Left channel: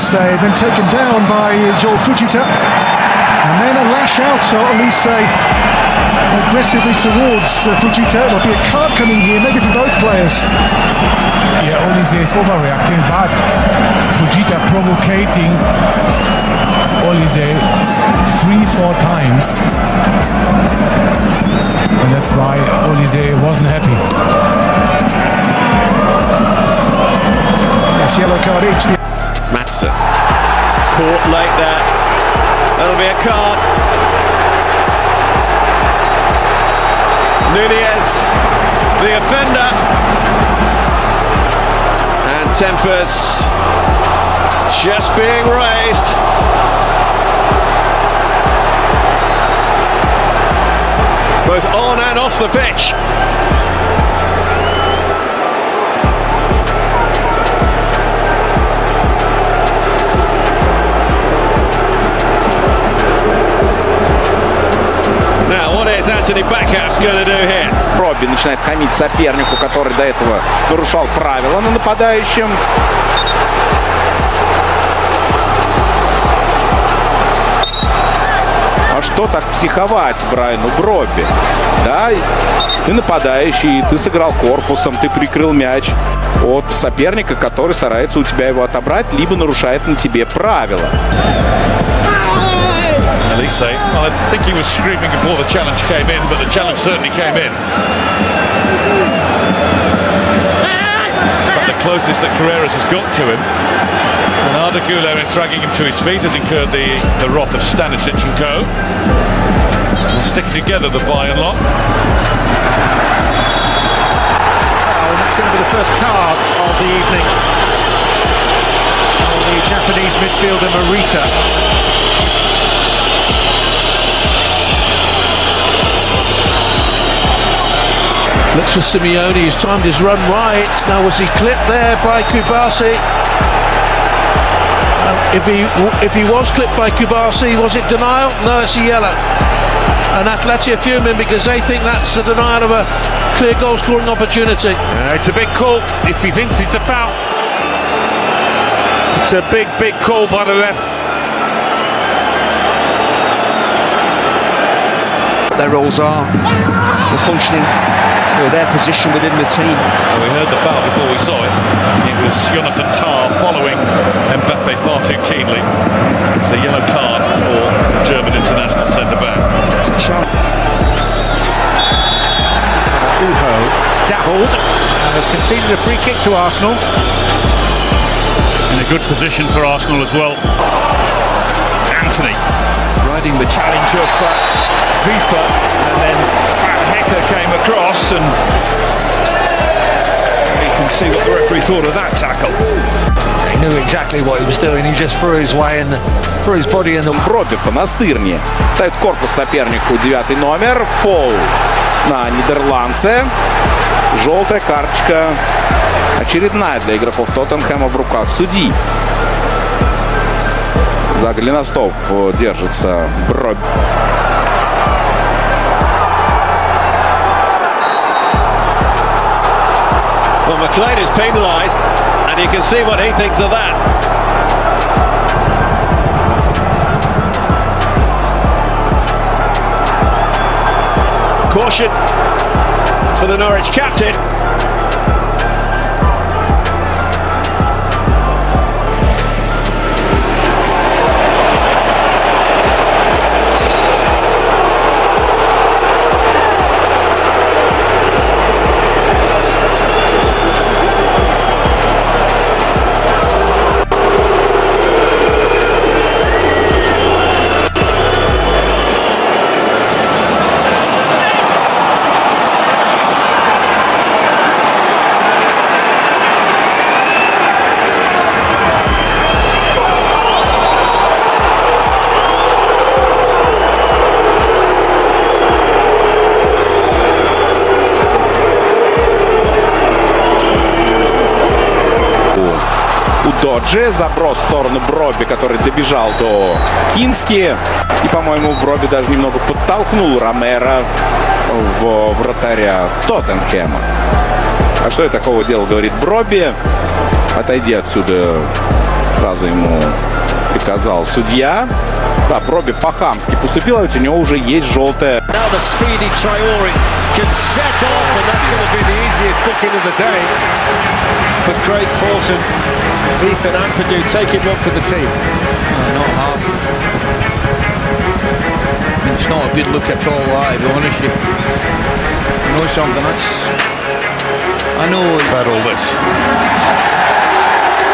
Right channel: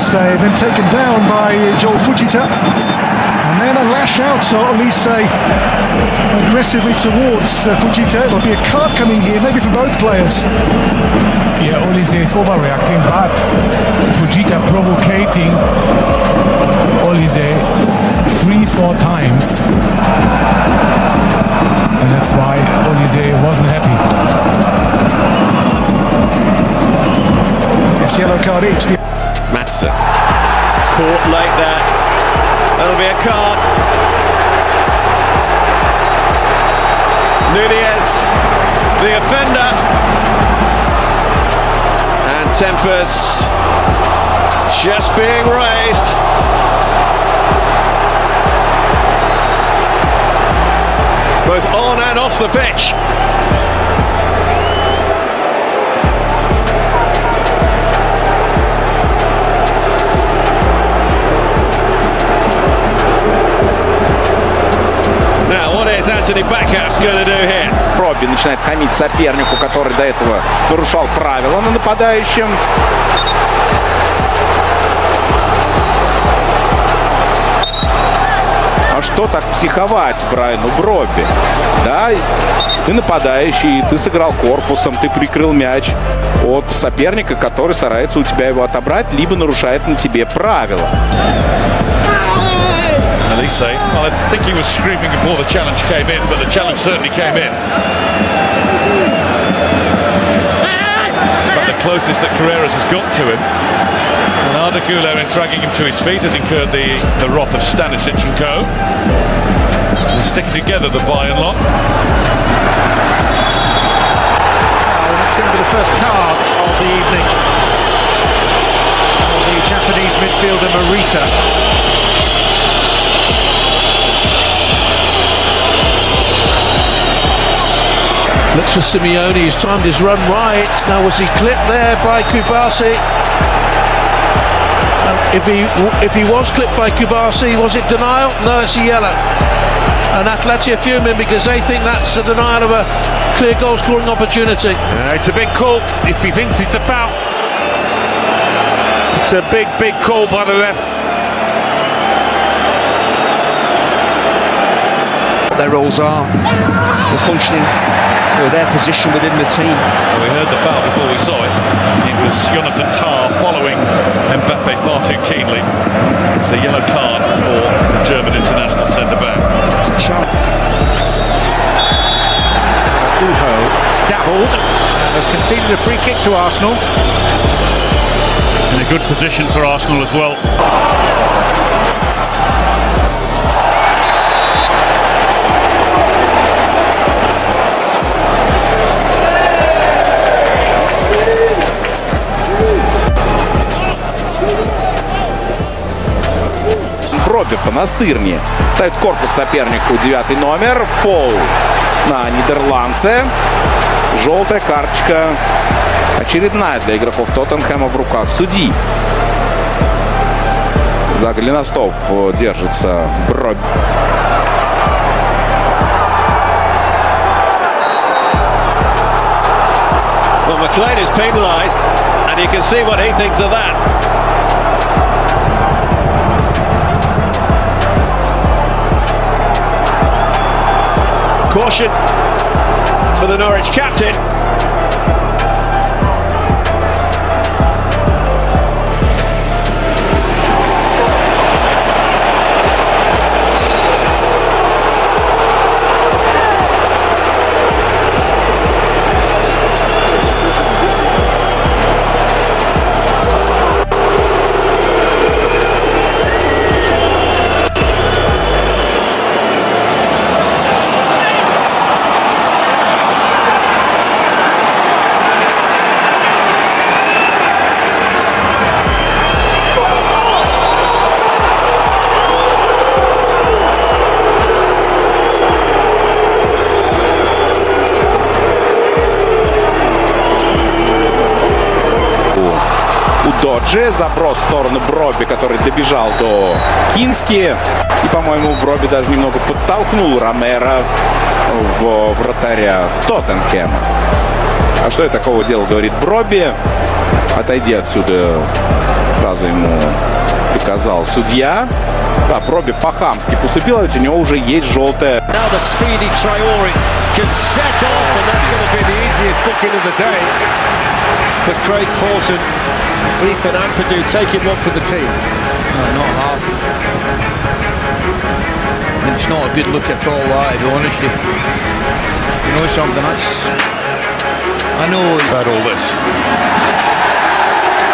Olise, then taken down by Joel Fujita, and then a lash out to Olise aggressively towards Fujita. It'll be a card coming here, maybe for both players. Yeah, Olise is overreacting, but Fujita provocating Olise 3-4 times, and that's why Olise wasn't happy. Yes, yellow card each. Matson caught late there. That'll be a card. Nunez, the offender, and tempers just being raised. Both on and off the pitch. Now, what is Anthony Backhouse going to do here? Робби начинает хамить сопернику, который до этого нарушал правила на нападающем. А что так психовать Брайану Бробби? Да, ты нападающий, ты сыграл корпусом, ты прикрыл мяч от соперника, который старается у тебя его отобрать, либо нарушает на тебе правила. Olise, well, I think he was screaming before the challenge came in, but the challenge certainly came in. It's about the closest that Carreras has got to him. And Arda Güler, in dragging him to his feet, has incurred the wrath of Stanisic and co. They're sticking together, the Bayern lot. And that's going to be the first card of the evening for the Japanese midfielder Morita. Looks for Simeone, he's timed his run right. Now was he clipped there by Kubasi? If he was clipped by Kubasi, was it denial? No, it's a yellow. And Atleti are fuming because they think that's a denial of a clear goal scoring opportunity. It's a big call if he thinks it's a foul. It's a big call by the ref. Their roles are functioning, their position within the team. Well, we heard the foul before we saw it. It was Jonathan Tah following Mbappe far too keenly. It's a yellow card for the German international centre-back. Uho dabbled and has conceded a free kick to Arsenal. In a good position for Arsenal as well. Anthony running the challenge up. Бробби по-настырнее ставит корпус сопернику, 9-й номер, фол на нидерландце, желтая карточка очередная для игроков Тоттенхэма в руках судьи. За голеностоп держится Бробби. Well, McLean is penalised, and you can see what he thinks of that. Caution for the Norwich captain. Доджи, заброс в сторону Бробби, который добежал до Кински. И, по-моему, Бробби даже немного подтолкнул Ромеро в вратаря— А что я такого делал, говорит Бробби. Отойди отсюда, Сразу ему приказал судья. Да, Проби по-хамски поступил, ведь у него уже есть желтая. Now the speedy Traore can set off, and that's going to be the easiest booking of the day for Craig Pawson. Ethan Ampadu taking one for the team. No, not half. I mean, it's not a good look at all, to be honest with you. You know something, I know He's had all this.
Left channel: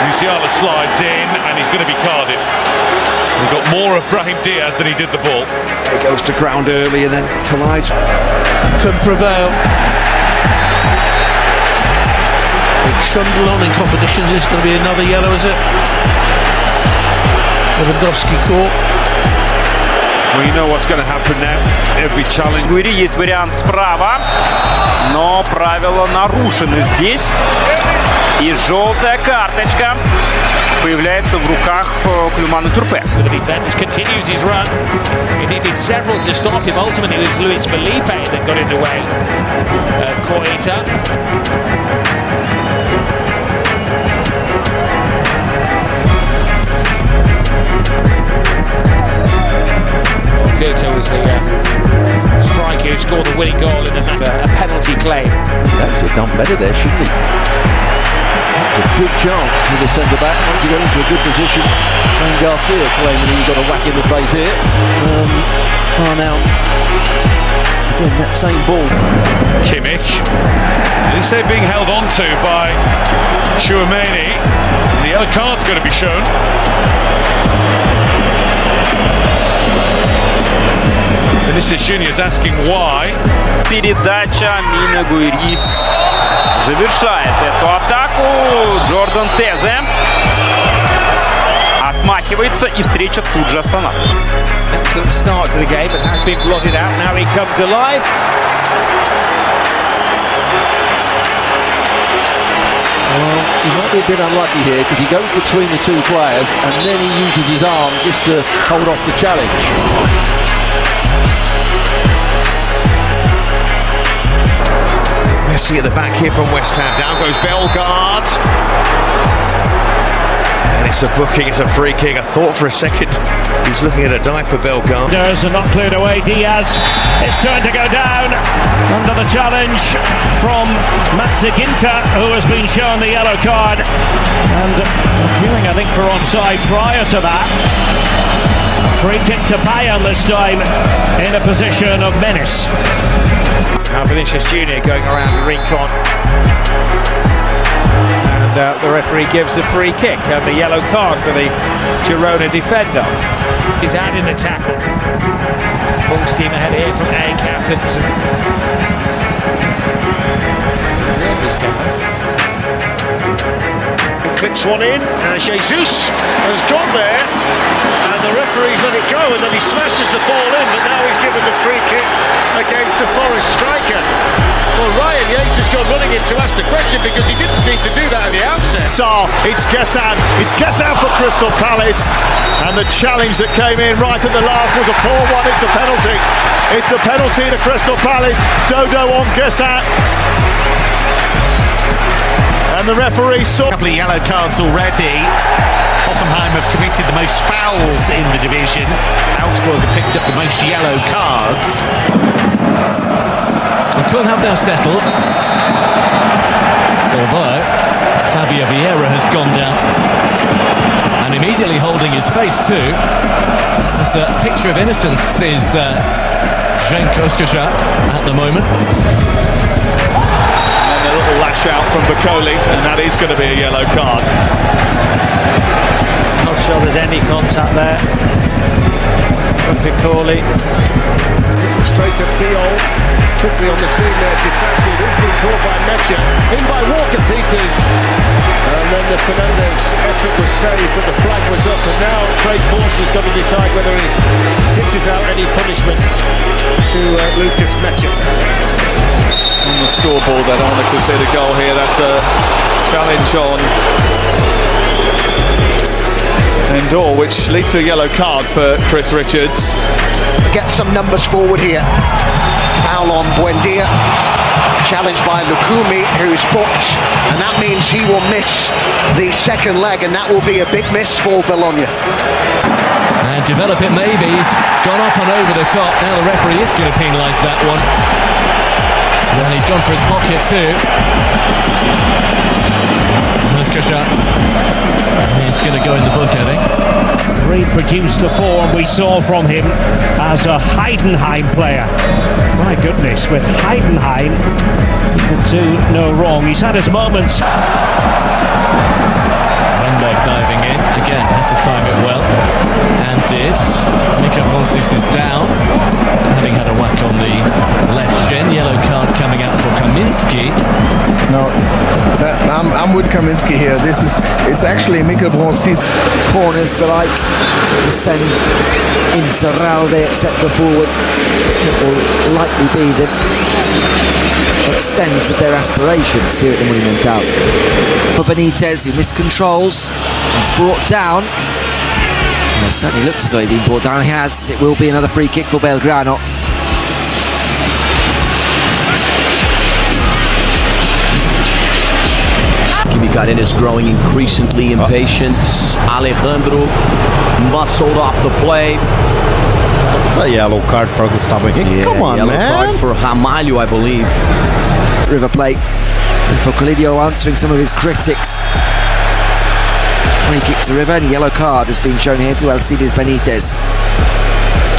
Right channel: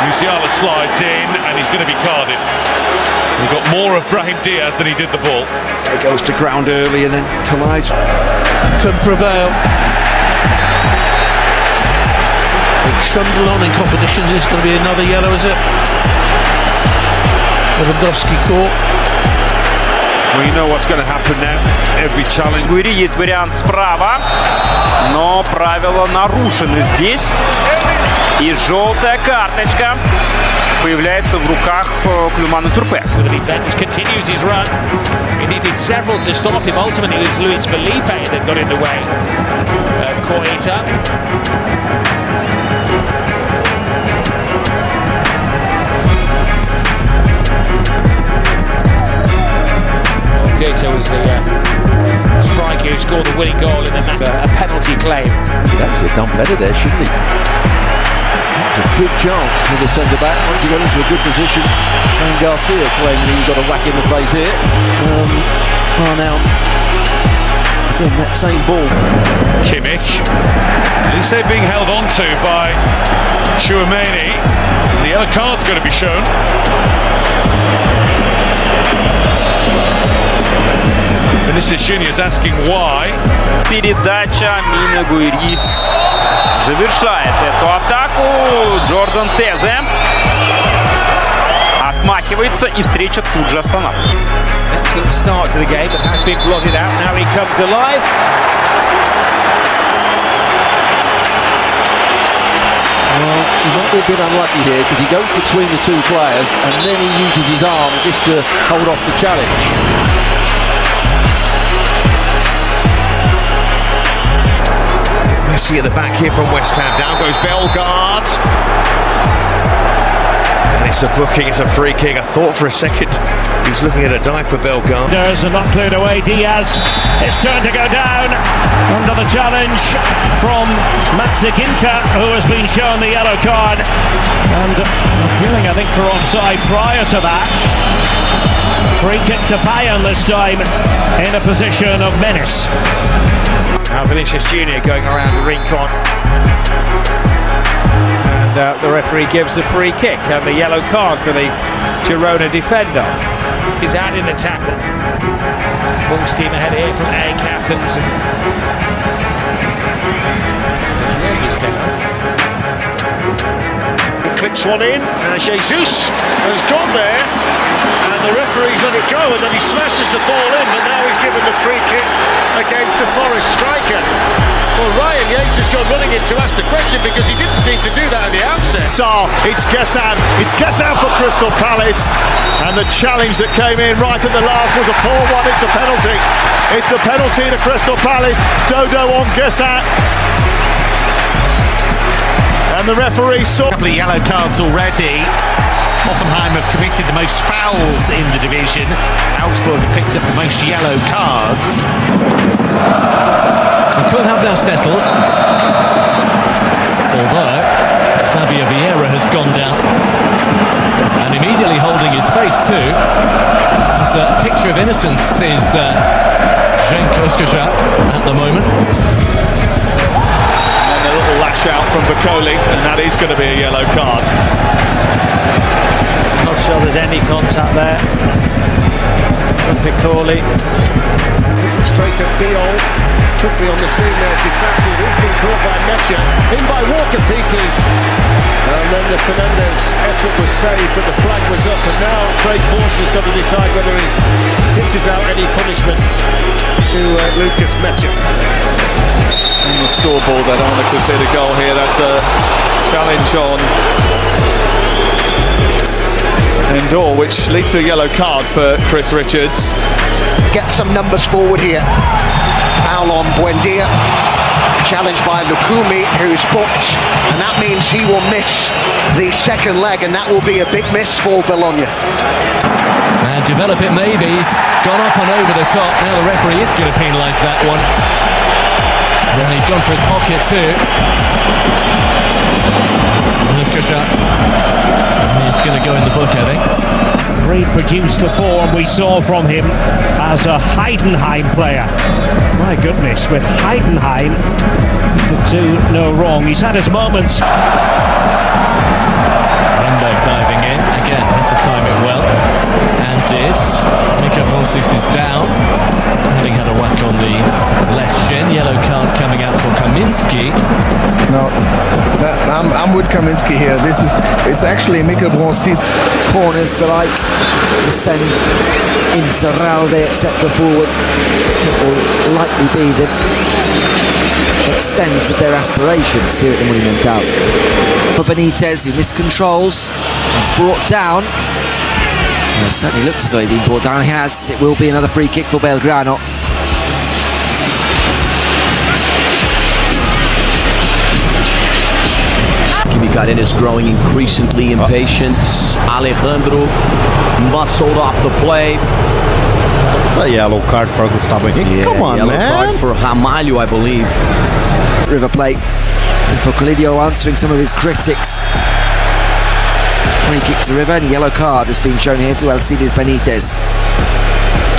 Musiala slides in and he's going to be carded. He got more of Brahim Diaz than he did the ball. He goes to ground early and then collides. Could prevail. Big Sunderland in competitions. It's going to be another yellow, is it? Lewandowski caught. Well, you know what's going to happen now. Every challenge. В игре есть вариант справа, но правила нарушены здесь. И желтая карточка появляется в руках Клюмана Тюрпе. The defender continues his run. He needed several to stop him. Ultimately, it was Luis Felipe that got in the way of Koita. Koita was the striker who scored the winning goal in the match. A penalty claim. He'd actually have done better there, shouldn't he? A big chance for the centre-back once he got into a good position. Fran Garcia claiming he got a whack in the face here. Now, again, that same ball. Kimmich. Lise being held on to by Chouameni. The yellow card's going to be shown. Vinicius Junior's asking why. Передача Мина Гуэри завершает эту атаку. Джордан Тезе отмахивается, и встреча тут же останавливается. An excellent start to the game, but has been blotted out. Now he comes alive. Well, he might be a bit unlucky here because he goes between the two players and then he uses his arm just to hold off the challenge. Messi at the back here from West Ham. Down goes Bellegarde. And it's a booking, it's a free kick. I thought for a second he was looking at a dive for Bellegarde. And not cleared away. Diaz. It's turned to go down under the challenge from Matsuginta, who has been shown the yellow card. And appealing, I think, for offside prior to that. A free kick to Bayern this time in a position of menace. Now Vinicius Junior going around the Rincon. And the referee gives a free kick and the yellow card for the Girona defender. He's out in the tackle. Full steam ahead here from AEK Athens. His leg is down. Clips one in, and Jesus has gone there, and the referee's let it go, and then he smashes the ball in, but now he's given the free kick against the Forest striker. Well, Ryan Yates has gone running in to ask the question because he didn't seem to do that at the outset. It's Gessan for Crystal Palace, and the challenge that came in right at the last was a poor one. It's a penalty to Crystal Palace. Dodo on Gessan. And the referee saw a couple of yellow cards already. Hoffenheim have committed the most fouls in the division. Augsburg have picked up the most yellow cards. We could have now settled, although Fabio Vieira has gone down and immediately holding his face too. As a picture of innocence is Cenk Özkaja at the moment. A little lash out from Bacoli, and that is going to be a yellow card. Not sure there's any contact there from Piccoli. Straight at Diol. Quickly on the scene there, Disassi, who's been caught by Mecha. In by Walker Peters. And then the Fernandez effort was saved, but the flag was up, and now Craig Pawson has got to decide whether he dishes out any punishment to Lucas Mecha. On the scoreboard, they don't want to concede a goal here. That's a challenge on Endor, which leads to a yellow card for Chris Richards. Get some numbers forward here. Foul on Buendia. challenged by Lukumi, who's booked, and that means he will miss the second leg, and that will be a big miss for Bologna. And develop it maybe. He's gone up and over the top. Now the referee is going to penalise that one. And he's gone for his pocket too. It's going to go in the book, I think. Reproduced the form we saw from him as a Heidenheim player. My goodness, with Heidenheim, he could do no wrong. He's had his moments. Renberg diving in. Again, had to time it well. And did. Mika Bonsis is down, having had a whack on the left shin. Yellow card coming out for Kaminski. No, I'm with Kaminski here. It's actually Mika Bonsis. Corners that like to send Inzaghi, etc. forward. It will likely be the extent of their aspirations here at the Monumental. For Benitez, who miscontrols, he's brought down. Well, it certainly looked as though he'd been brought down. He has. It will be another free kick for Belgrano. Kimikainen is growing increasingly impatient. Alejandro muscled off the play. It's a yellow card for Gustavo Henrique. Come on, yellow man. Card for Ramalho, I believe. River Plate. And for Colidio answering some of his critics. Free kick to River, and a yellow card has been shown here to Alcides Benitez.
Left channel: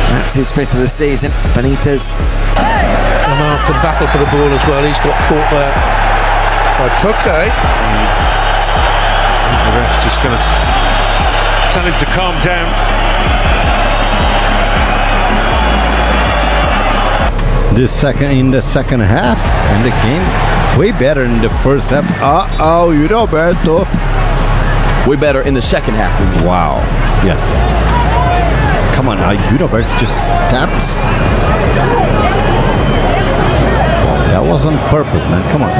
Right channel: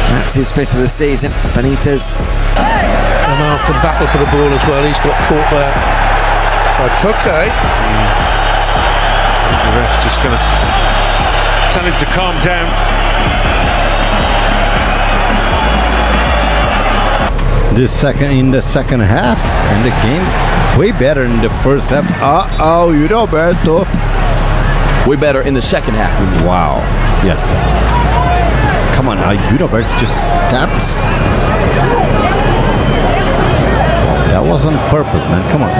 That's his 5th of the season. Benitez. And Mark can battle for the ball as well. He's got caught there by Koke. The ref's just going to tell him to calm down. In the second half, and the game way better in the first half. Roberto. Way better in the second half. Wow. Yes. Come on, Roberto just taps. That was on purpose, man. Come on.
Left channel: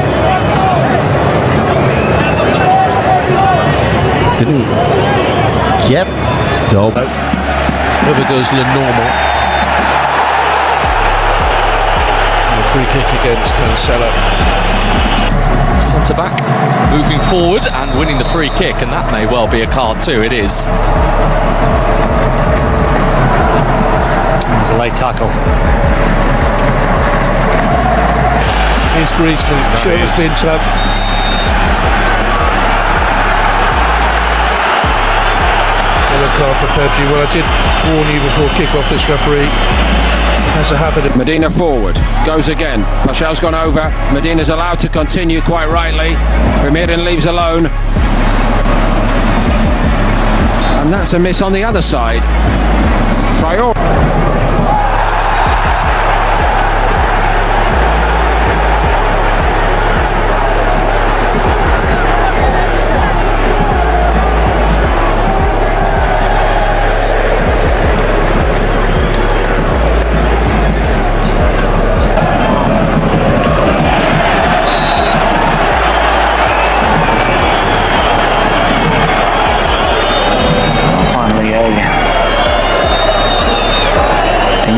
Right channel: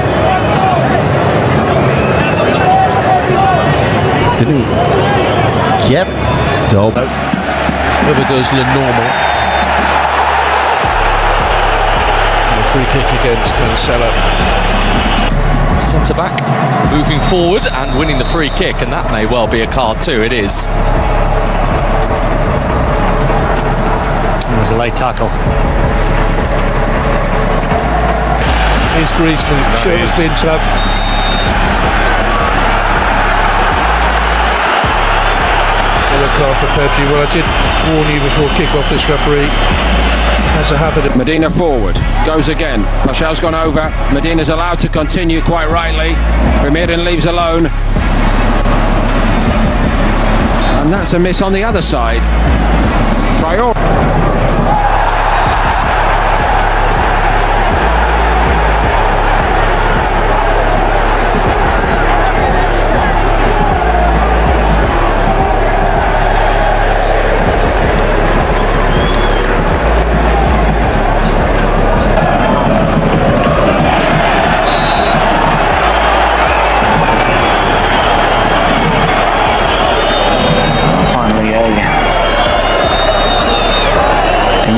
Didn't he get dope? River goes the normal. And a free kick against Cancelo. Centre back moving forward and winning the free kick, and that may well be a card too. It is. There's a late tackle. Here's Griezmann, shoulders been tugged. Yellow card for Pedri. Well, I did warn you before kick-off, this referee has a habit of... Medina forward, goes again. Pachel's gone over. Medina's allowed to continue, quite rightly. Vermeeren leaves alone. And that's a miss on the other side. Traore.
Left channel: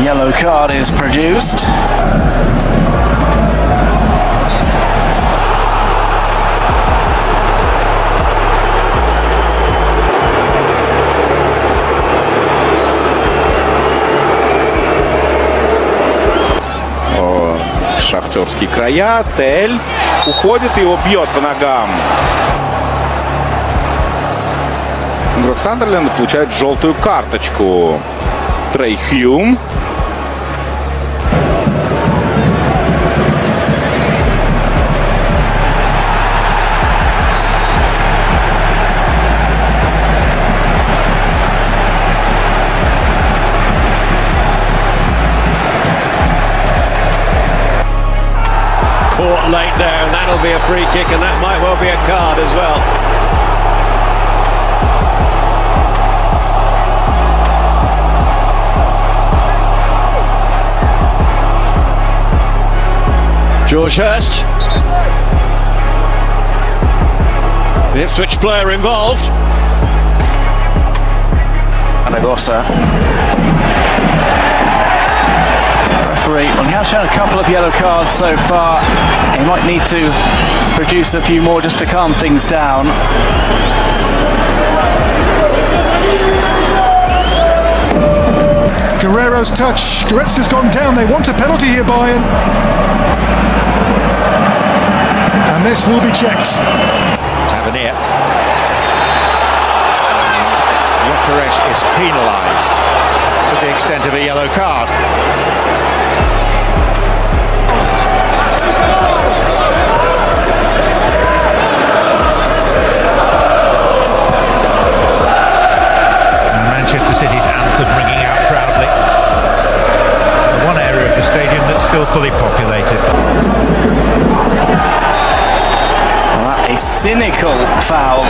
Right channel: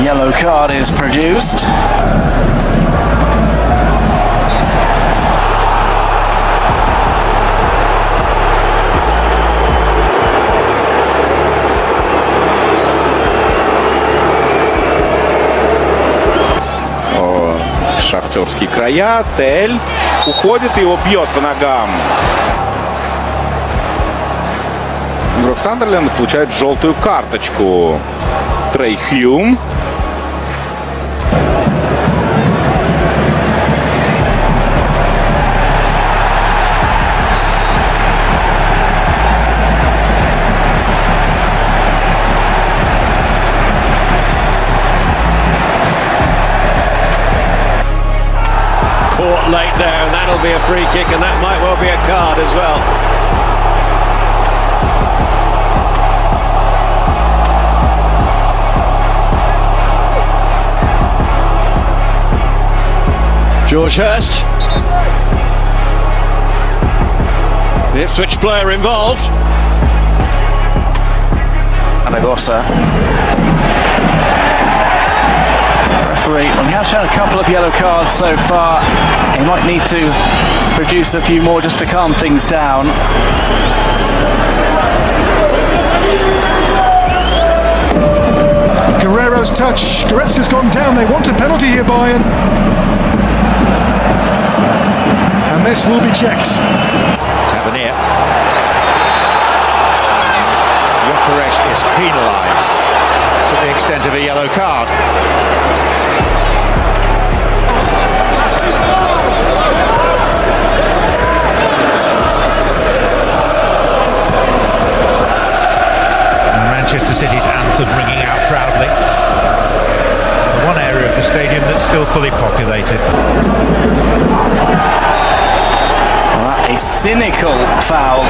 Yellow card is produced. Шахтерские края. Тель уходит, его бьет по ногам. Игрок Сандерленда получает желтую карточку. Трей Хьюм. Caught late there, and that'll be a free kick, and that might well be a card as well. George Hurst. The Ipswich player involved. Anagosa. referee. Well, he has shown a couple of yellow cards so far. He might need to produce a few more just to calm things down. Guerrero's touch. Goretzka's gone down. They want a penalty here, Bayern. And this will be checked. Tavernier. And Gyökeres is penalised to the extent of a yellow card. Manchester City's anthem ringing out proudly. The one area of the stadium that's still fully populated. A cynical foul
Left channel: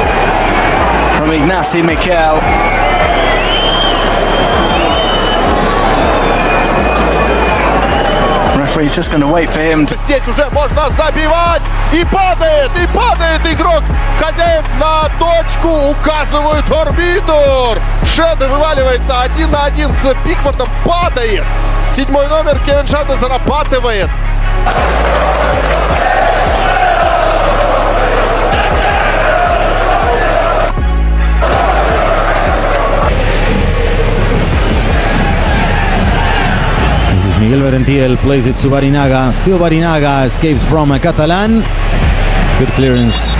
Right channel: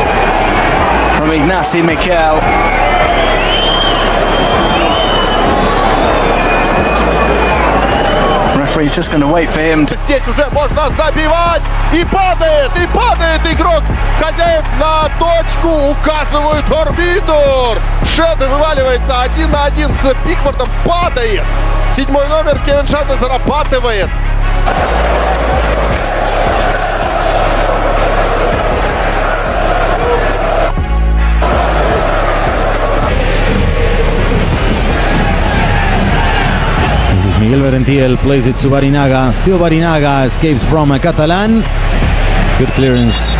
from Ignacy Miquel. Referee's just going to wait for him to... Здесь уже можно забивать! И падает игрок хозяев на точку, указывают арбитр. Шеде вываливается 1 на 1 с Пикфордом, падает. 7-й номер Кевин Шеде зарабатывает. Miguel Berentiel plays it to Barinaga. Still Barinaga escapes from Catalan. Good clearance.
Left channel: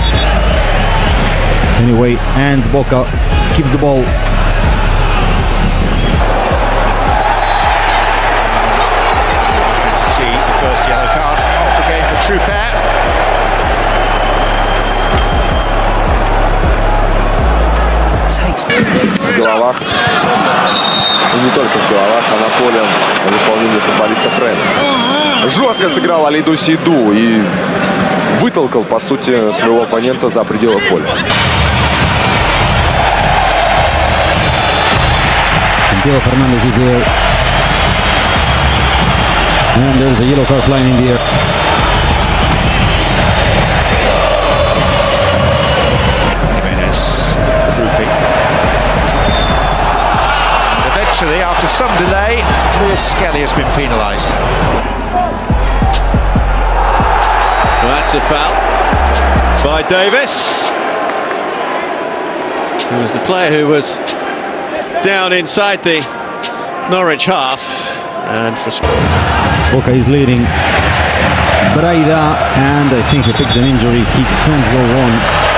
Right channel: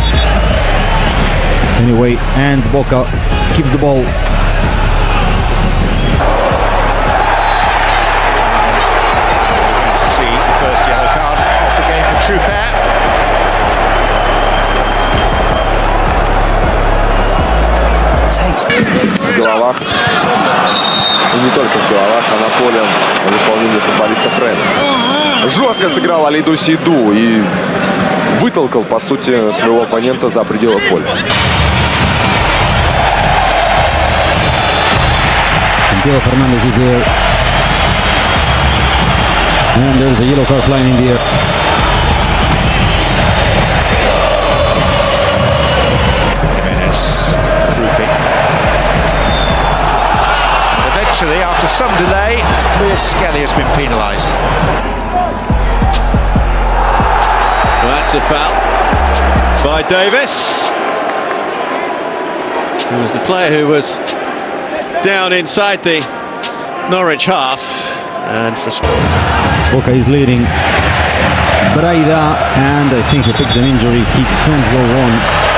Anyway, and Boca keeps the ball. We're going to see the first yellow card of the game for Trupert. В головах. И не только в головах, а на поле в исполнении футболиста Фреда. Жестко сыграл Алиду Сейду и вытолкал, по сути, своего оппонента за пределы поля. Santiago Fernandez is there. And there's a yellow card flying in the air. Jimenez grouping. And eventually, after some delay, Lewis Skelly has been penalised. Well, that's a foul by Davis, who was the player who was down inside the Norwich half, and for Boca is leading. Braida, and I think he picked an injury. He can't go on.